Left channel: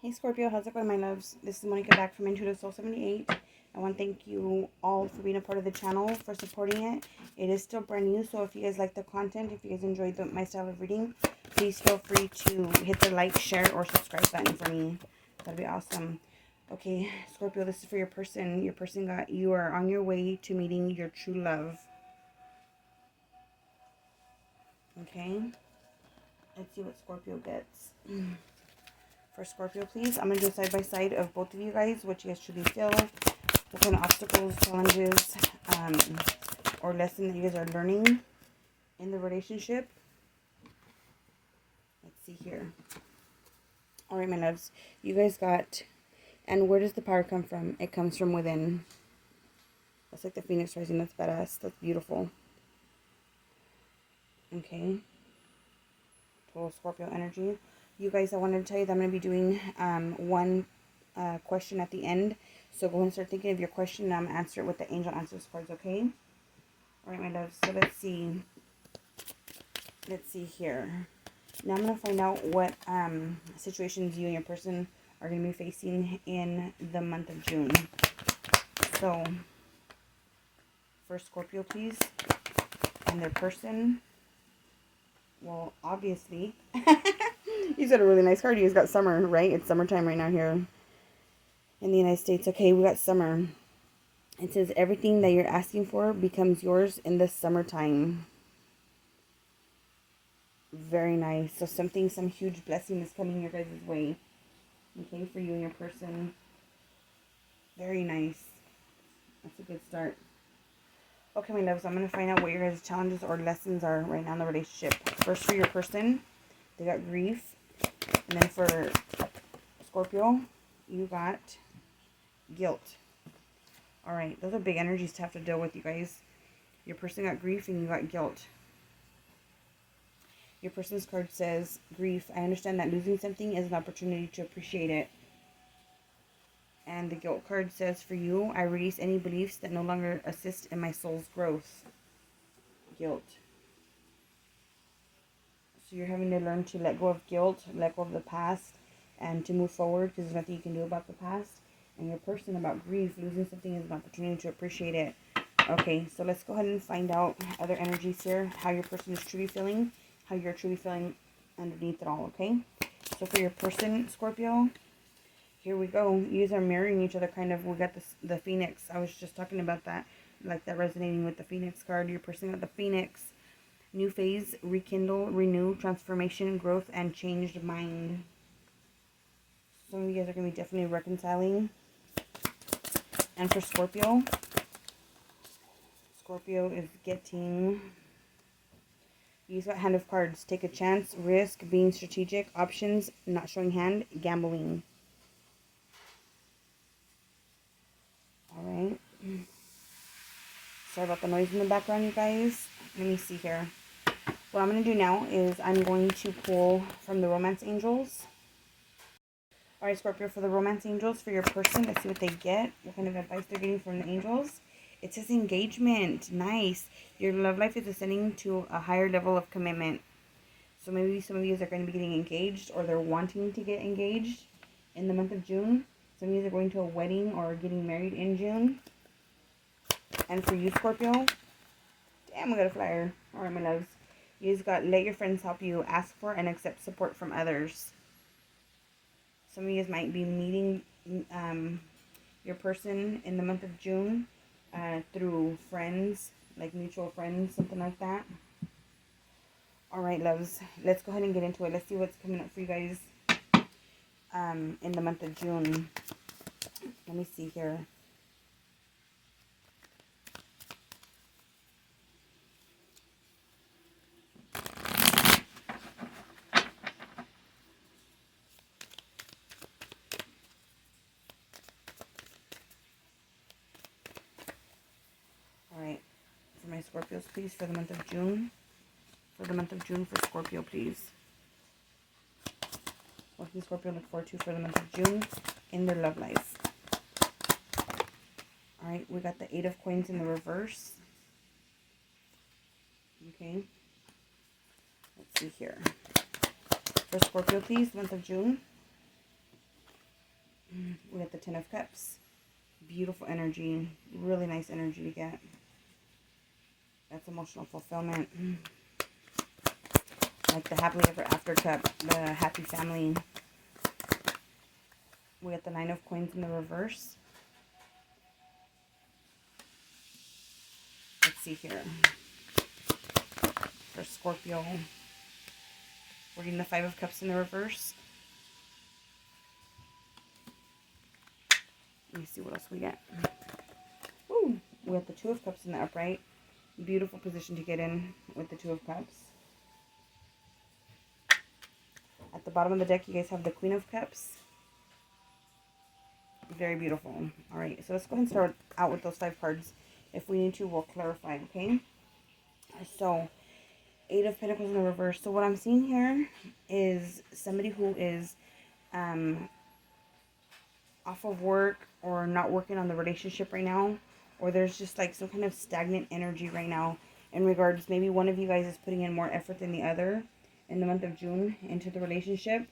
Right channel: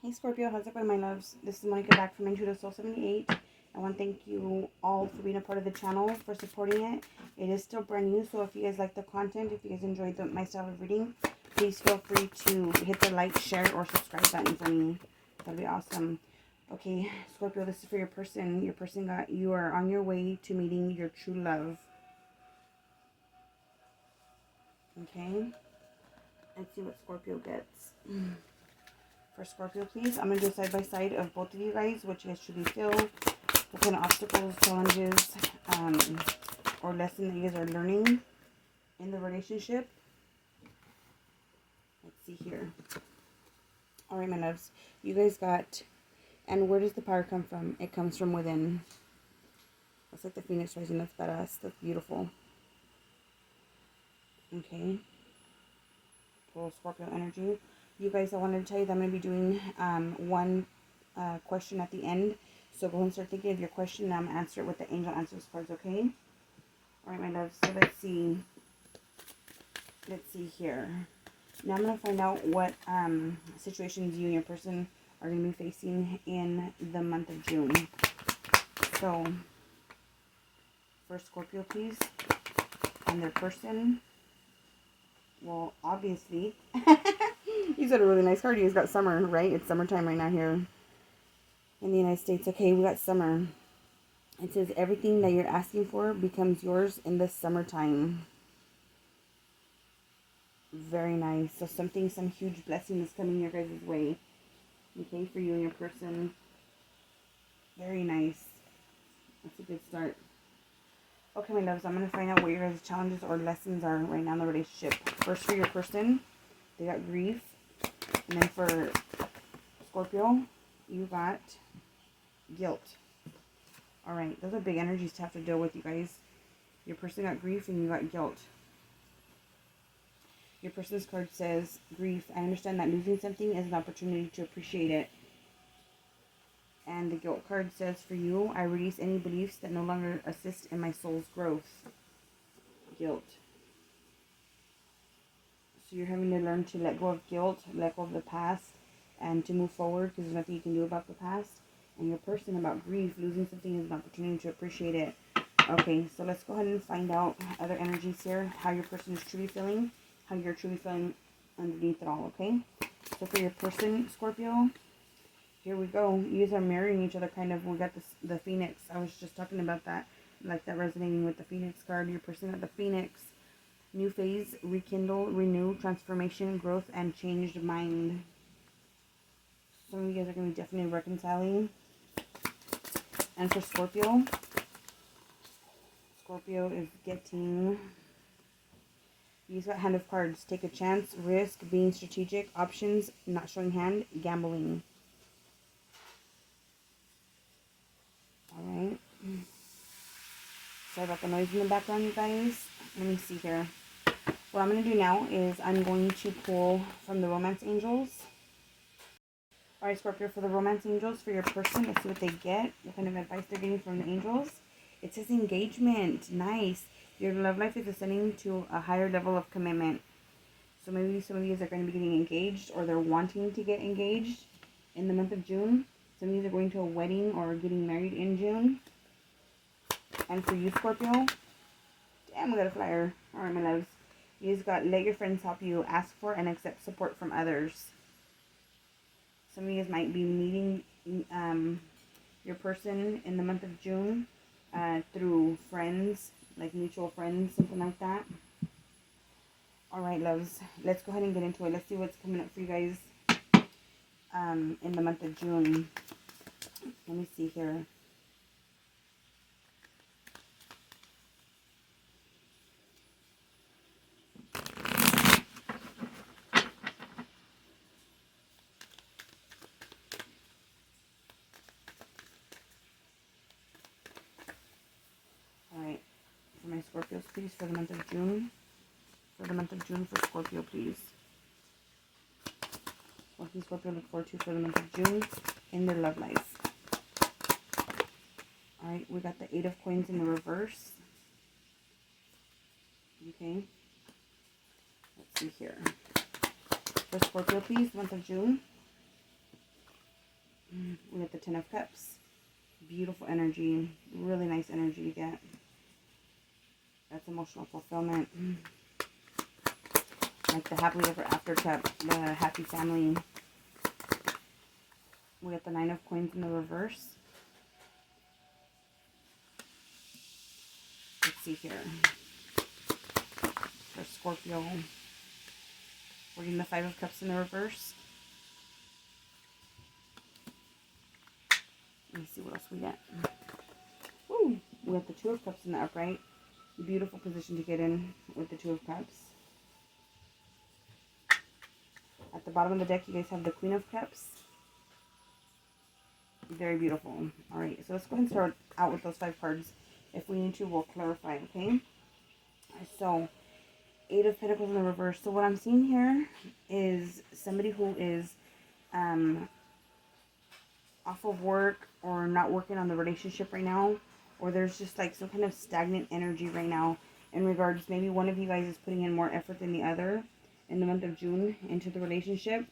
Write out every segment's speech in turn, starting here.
Hey Scorpio, how's it going, my loves? This is Monica back from Into the Soul 78. I want to thank you all for being a part of the channel, for supporting it. It is still brand new, so if you guys like the content, if you guys enjoyed my style of reading, please feel free to hit the like, share, or subscribe button for me. That'd be awesome. Okay, Scorpio, this is for your person. Your person you are on your way to meeting your true love. Okay, let's see what Scorpio gets. For Scorpio, please. I'm going to do a side-by-side of both of you guys, what you guys truly feel, what kind of obstacles, challenges, or lesson that you guys are learning in the relationship. Let's see here. All right, my loves. You guys got, and where does the power come from? It comes from within. That's like the Phoenix rising. That's badass. That's beautiful. Okay. Total Scorpio energy. You guys, I wanted to tell you that I'm going to be doing one question at the end. So go ahead and start thinking of your question, and I'm going to answer it with the angel answers cards, okay? All right, my loves. So let's see. Let's see here. Now I'm going to find out what situations you and your person are going to be facing in the month of June. So, for Scorpio, please, and their person. Well, obviously, he's got a really nice card. He's got summer, right? It's summertime right now here in the United States. Okay, we got summer. It says everything that you're asking for becomes yours in the summertime. Very nice. So some huge blessing is coming your guys' way. Okay, for you and your person. Very nice. That's a good start. Okay, my loves, I'm going to find out what your guys' challenges or lessons are right now in the relationship. First, for your person, they got grief. And then for Scorpio, you got guilt. All right, those are big energies to have to deal with, you guys. Your person got grief and you got guilt. Your person's card says, grief. I understand that losing something is an opportunity to appreciate it. And the guilt card says, for you, I release any beliefs that no longer assist in my soul's growth. Guilt. So you're having to learn to let go of guilt, let go of the past, and to move forward because there's nothing you can do about the past. And your person about grief, losing something is an opportunity to appreciate it. Okay, so let's go ahead and find out other energies here, how your person is truly feeling, how you're truly feeling underneath it all, okay? So for your person, Scorpio, here we go. You guys are mirroring each other, kind of. We got the Phoenix. I was just talking about that, like that resonating with the Phoenix card. Your person got the Phoenix. New phase, rekindle, renew, transformation, growth, and changed mind. Some of you guys are going to be definitely reconciling. And for Scorpio, Scorpio is getting... You got hand of cards. Take a chance, risk, being strategic, options, not showing hand, gambling. Alright. Sorry about the noise in the background, you guys. Let me see here. What I'm going to do now is I'm going to pull from the Romance Angels. Alright, Scorpio, for the Romance Angels, for your person, let's see what they get. What kind of advice they're getting from the angels. It says engagement. Nice. Your love life is ascending to a higher level of commitment. So maybe some of you are going to be getting engaged, or they're wanting to get engaged in the month of June. Some of you are going to a wedding or getting married in June. And for you, Scorpio, damn, we got a flyer. Alright, my loves. You just got, let your friends help you. Ask for and accept support from others. Some of you guys might be meeting your person in the month of June through friends, like mutual friends, something like that. Alright, loves. Let's go ahead and get into it. Let's see what's coming up for you guys in the month of June. Let me see here. Alright, for my Scorpios, please, for the month of June. For the month of June, for Scorpio, please. What can Scorpio look forward to for the month of June in their love life? Alright, we got the 8 of Coins in the reverse. Okay. Let's see here. For Scorpio, please, month of June. We got the Ten of Cups. Beautiful energy. Really nice energy to get. That's emotional fulfillment. Like the happily ever after cup. The happy family. We got the Nine of Coins in the reverse. Let's see here. For Scorpio. We're getting the Five of Cups in the reverse. Let me see what else we got. Ooh, we got the Two of Cups in the upright. Beautiful position to get in with the Two of Cups. At the bottom of the deck, you guys have the Queen of Cups. Very beautiful. All right, so let's go ahead and start out with those 5 cards. If we need to, we'll clarify, okay? So, Eight of Pentacles in the reverse. So what I'm seeing here is somebody who is off of work or not working on the relationship right now, or there's just like some kind of stagnant energy right now in regards, maybe one of you guys is putting in more effort than the other in the month of June into the relationship,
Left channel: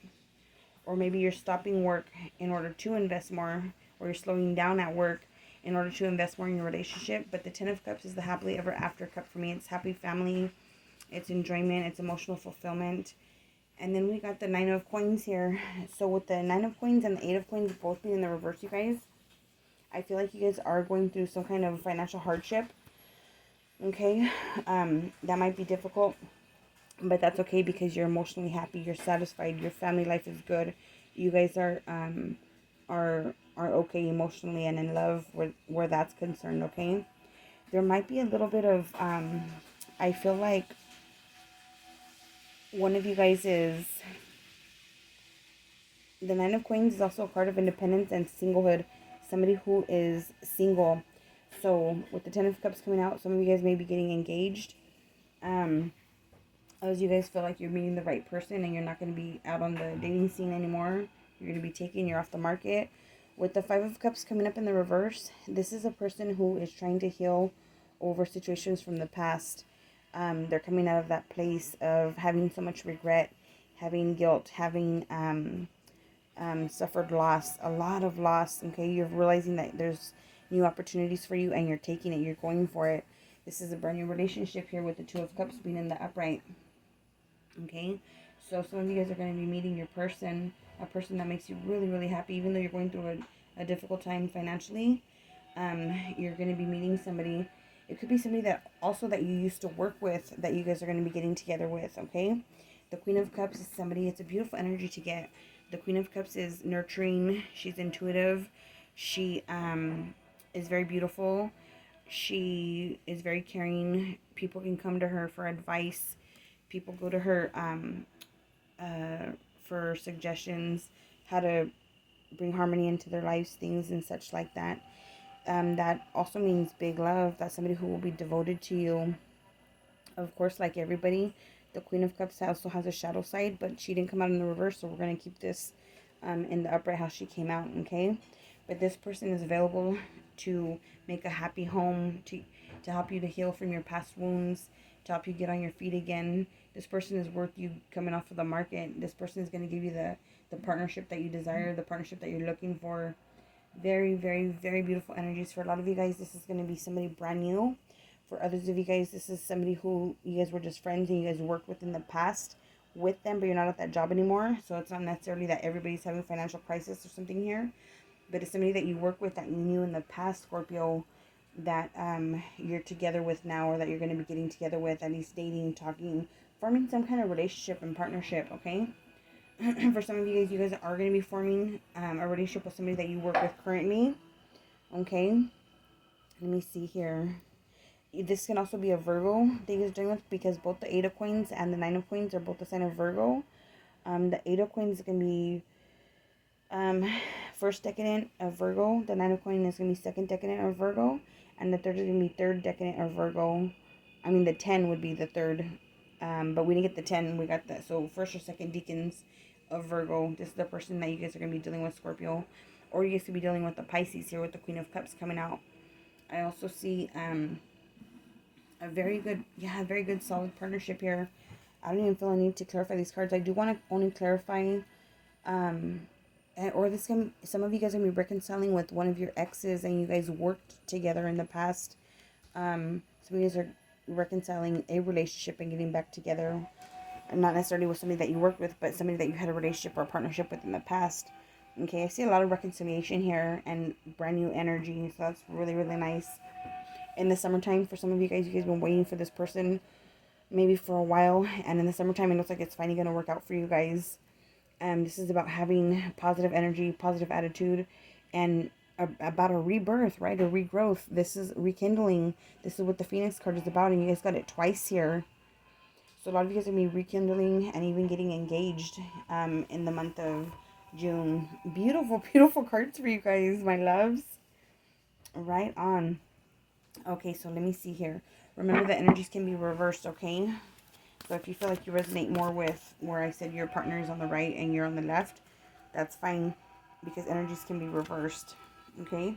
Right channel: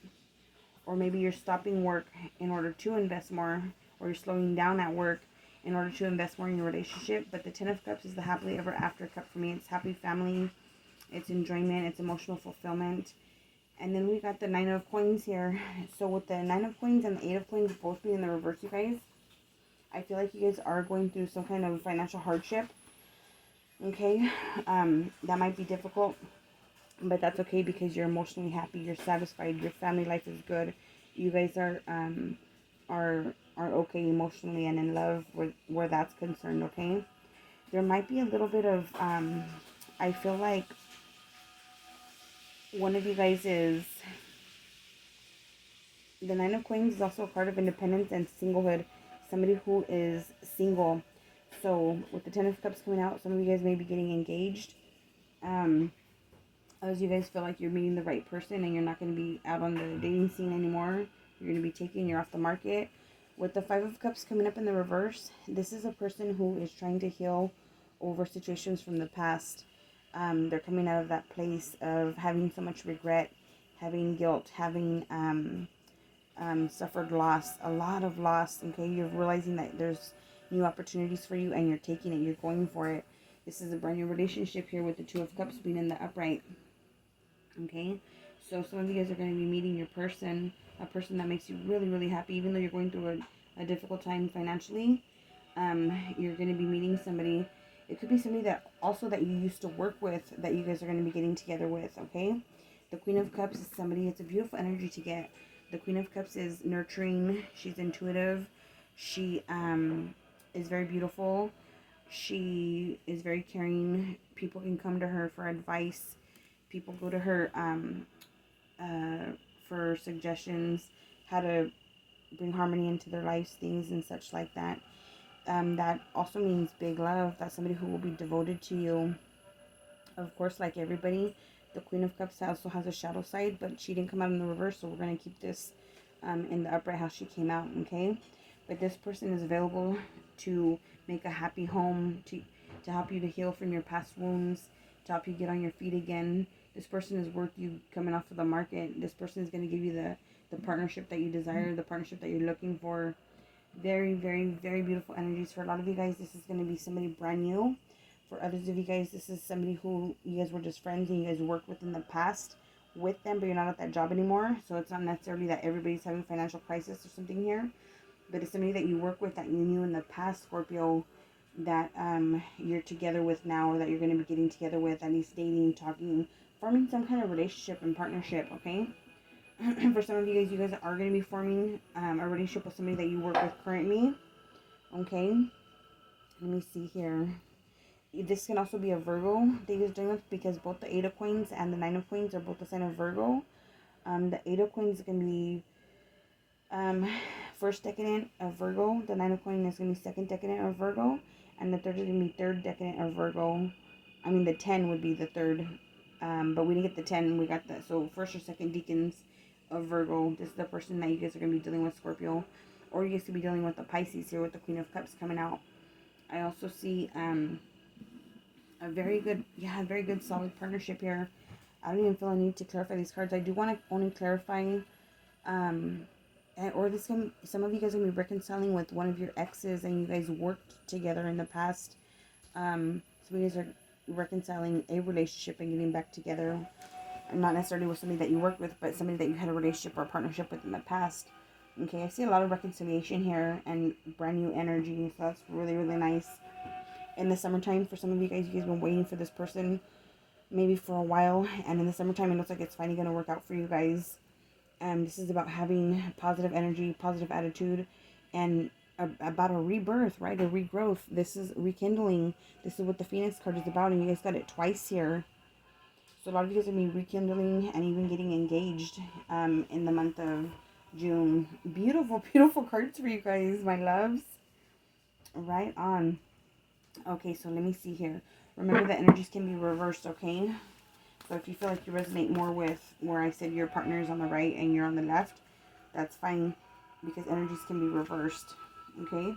or maybe you're stopping work in order to invest more, or you're slowing down at work in order to invest more in your relationship. But the Ten of Cups is the happily ever after cup for me. It's happy family, it's enjoyment, it's emotional fulfillment. And then we got the Nine of Coins here. So with the Nine of Coins and the Eight of Coins both being in the reverse, you guys, I feel like you guys are going through some kind of financial hardship. Okay, that might be difficult, but that's okay because you're emotionally happy, you're satisfied, your family life is good. You guys are okay emotionally and in love where that's concerned. Okay, there might be a little bit of I feel like one of you guys is, the Nine of Coins is also a card of independence and singlehood. Somebody who is single. So with the Ten of Cups coming out, some of you guys may be getting engaged. As you guys feel like you're meeting the right person and you're not going to be out on the dating scene anymore. You're going to be taken, you're off the market. With the Five of Cups coming up in the reverse, this is a person who is trying to heal over situations from the past. They're coming out of that place of having so much regret, having guilt, having suffered loss, a lot of loss. Okay, you're realizing that there's new opportunities for you and you're taking it, you're going for it. This is a brand new relationship here with the Two of Cups being in the upright. Okay, so some of you guys are going to be meeting your person, a person that makes you really, really happy, even though you're going through a difficult time financially. You're going to be meeting somebody. It could be somebody that also that you used to work with, that you guys are going to be getting together with. Okay, the Queen of Cups is somebody, it's a beautiful energy to get. The Queen of Cups is nurturing. She's intuitive. She is very beautiful. She is very caring. People can come to her for advice. People go to her for suggestions, how to bring harmony into their lives, things and such like that. That also means big love. That's somebody who will be devoted to you. Of course, like everybody, the Queen of Cups also has a shadow side, but she didn't come out in the reverse, so we're going to keep this in the upright how she came out, okay? But this person is available to make a happy home, to help you to heal from your past wounds, to help you get on your feet again. This person is worth you coming off of the market. This person is going to give you the partnership that you desire, the partnership that you're looking for. Very, very, very beautiful energies. For a lot of you guys, this is going to be somebody brand new. For others of you guys, this is somebody who you guys were just friends and you guys worked with in the past with them, but you're not at that job anymore. So it's not necessarily that everybody's having financial crisis or something here, but it's somebody that you work with that you knew in the past, Scorpio, that you're together with now, or that you're going to be getting together with, at least dating, talking, forming some kind of relationship and partnership, okay? For some of you guys are going to be forming a relationship with somebody that you work with currently, okay? Let me see here. This can also be a Virgo that you're dealing with, because both the Eight of Coins and the Nine of Coins are both the sign of Virgo. The Eight of Coins is going to be first decadent of Virgo. The Nine of Coins is going to be second decadent of Virgo. And the third is going to be third decadent of Virgo. I mean, the 10 would be the third. But we didn't get the 10. We got that. So first or second decans of Virgo. This is the person that you guys are going to be dealing with, Scorpio. Or you guys could be dealing with the Pisces here with the Queen of Cups coming out. I also see a very good solid partnership here. I don't even feel I need to clarify these cards. I do want to only clarify or this can, some of you guys are going to be reconciling with one of your exes and you guys worked together in the past. Some of you guys are reconciling a relationship and getting back together. Not necessarily with somebody that you worked with, but somebody that you had a relationship or a partnership with in the past. Okay, I see a lot of reconciliation here and brand new energy, so that's really, really nice. In the summertime, for some of you guys have been waiting for this person maybe for a while, and in the summertime it looks like it's finally going to work out for you guys. This is about having positive energy, positive attitude, and about a rebirth, right? A regrowth. This is rekindling. This is what the Phoenix card is about, and you guys got it twice here. So a lot of you guys are going to be rekindling and even getting engaged in the month of June. Beautiful, beautiful cards for you guys, my loves. Right on. Okay, so let me see here. Remember that energies can be reversed, okay? So if you feel like you resonate more with where I said your partner is on the right and you're on the left, that's fine, because energies can be reversed, okay?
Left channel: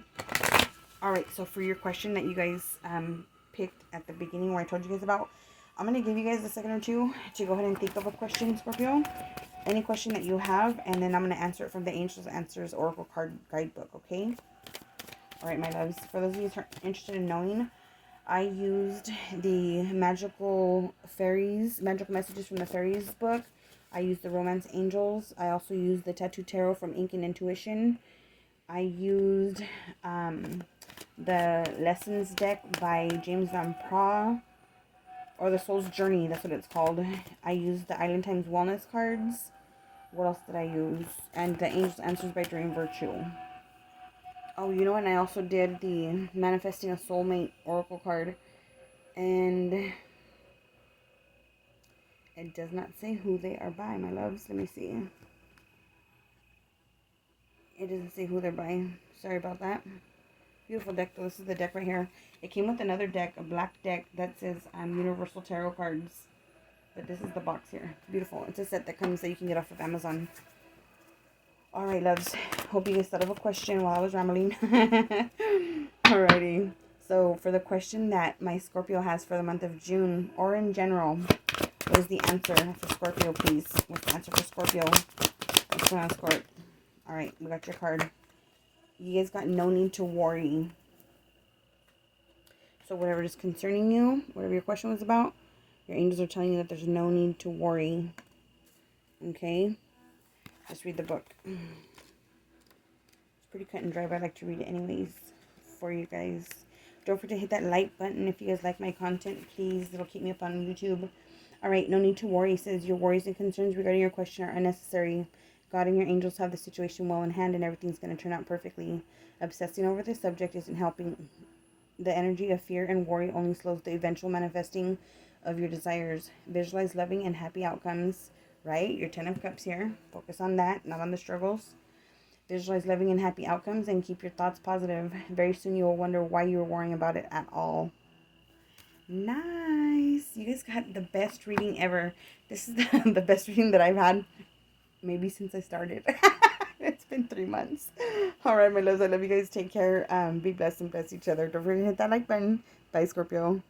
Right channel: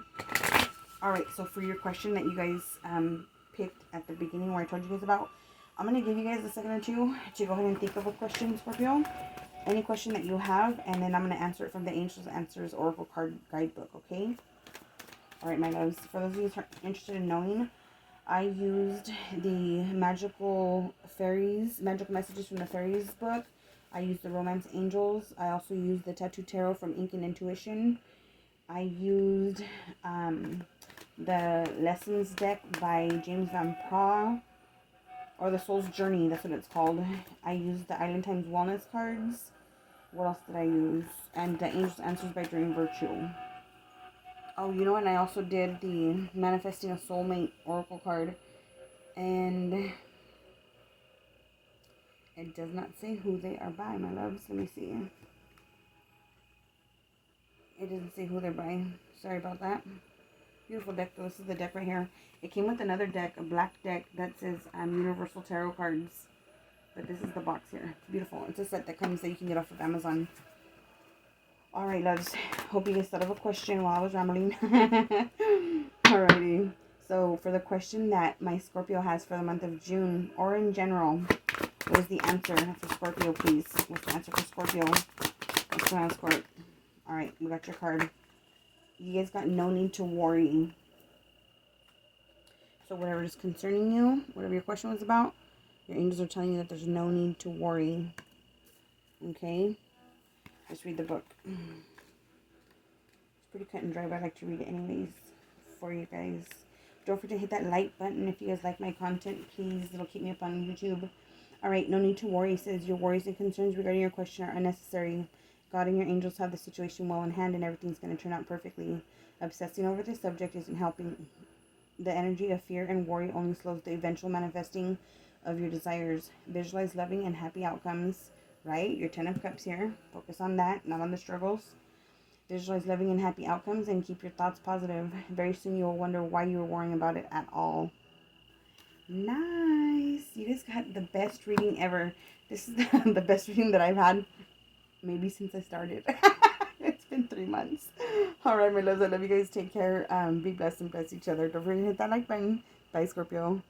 All right, so for your question that you guys picked at the beginning where I told you guys about, I'm going to give you guys a second or two to go ahead and think of a question, Scorpio. Any question that you have, and then I'm going to answer it from the Angels Answers Oracle Card Guidebook, okay? All right, my loves. For those of you who are interested in knowing, I used the Magical Messages from the Fairies book. I used the Romance Angels. I also used the Tattoo Tarot from Ink and Intuition. I used the Lessons deck by James Van Praagh, or the Soul's Journey, that's what it's called. I used the Island Times Wellness cards. What else did I use? And the Angels Answers by Dream Virtue. Oh, you know what? I also did the Manifesting a Soulmate Oracle card. And it does not say who they are by, my loves. Let me see. It doesn't say who they're by. Sorry about that. Beautiful deck, though. This is the deck right here. It came with another deck, a black deck that says Universal Tarot cards. But this is the box here. It's beautiful. It's a set that comes that you can get off of Amazon. Alright, loves. Hope you guys thought of a question while I was rambling. Alrighty. So, for the question that my Scorpio has for the month of June, or in general, what is the answer for Scorpio, please? What's the answer for Scorpio? What's going on, Scorp? Alright, we got your card. You guys got no need to worry. So, whatever is concerning you, whatever your question was about, your angels are telling you that there's no need to worry. Okay? Just read the book. It's pretty cut and dry, but I like to read it anyways for you guys. Don't forget to hit that like button if you guys like my content, please. It'll keep me up on YouTube. Alright, no need to worry. It says your worries and concerns regarding your question are unnecessary. God and your angels have the situation well in hand, and everything's going to turn out perfectly. Obsessing over this subject isn't helping. The energy of fear and worry only slows the eventual manifesting of your desires. Visualize loving and happy outcomes. Right? Your 10 of Cups here. Focus on that, not on the struggles. Visualize loving and happy outcomes and keep your thoughts positive. Very soon you will wonder why you were worrying about it at all. Nice. You guys got the best reading ever. This is the best reading that I've had maybe since I started. It's been 3 months. Alright, my loves. I love you guys. Take care. Be blessed and bless each other. Don't forget to hit that like button. Bye, Scorpio.